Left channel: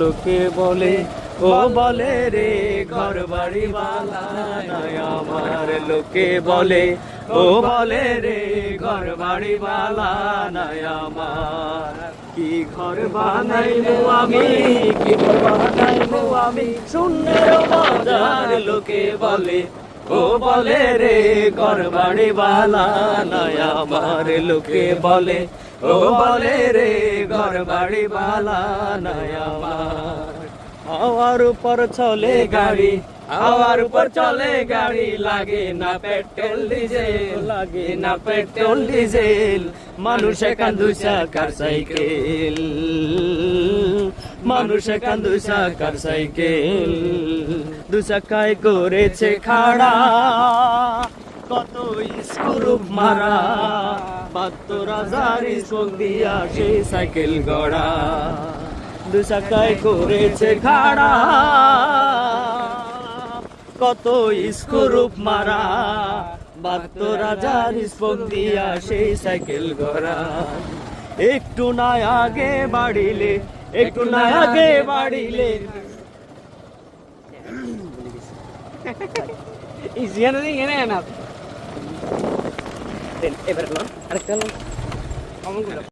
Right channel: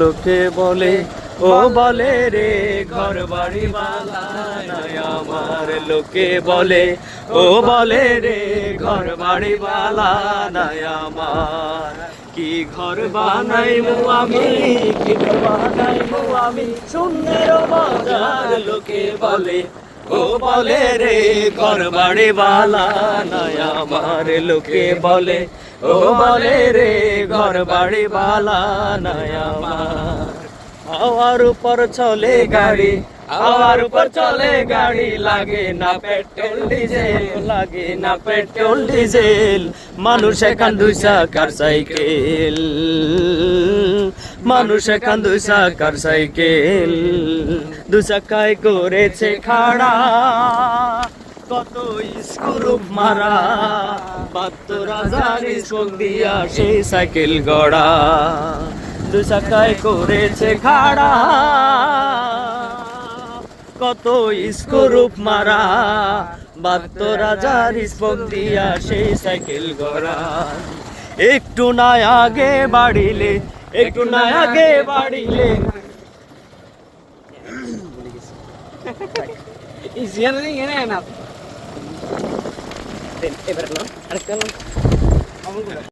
লোকে বলে ও বলে রে ঘর বাড়ি বালা নাই আমার, লোকে বলে ও বলে রে ঘর বাড়ি বালা নাই আমার। কি ঘর বানাইবো আমি, কি ঘর বানাইবো আমি শূন্যের বাজার, লোকে বলে ও বলে রে ঘর বাড়ি বালা নাই আমার, লোকে বলে ও বলে রে ঘর বাড়ি বালা নাই আমার। হাওয়ার উপর চলে গাড়ি, হাওয়ার উপর চলে গাড়ি, লাগে না পেট্রোল ডিজেল, লাগে না পেট্রোল ডিজেল। মানুষ এখন দুই চাকার সাইকেল, মানুষ এখন দুই চাকার সাইকেল, দু চাকায় করেছে খাড়া, কত স্ক্রুপ মারা, ৭২,০০০ স্ক্রুপ দিয়া সেই সাইকেল গড়া, দু চাকায় করেছে খাড়া, কত স্ক্রুপ মারা, ৭২,০০০ স্ক্রুপ দিয়া সেই সাইকেল গড়া। একটু না আগে বাড়িলে, একটু না আগে বাড়িলে, এবার আরেকটা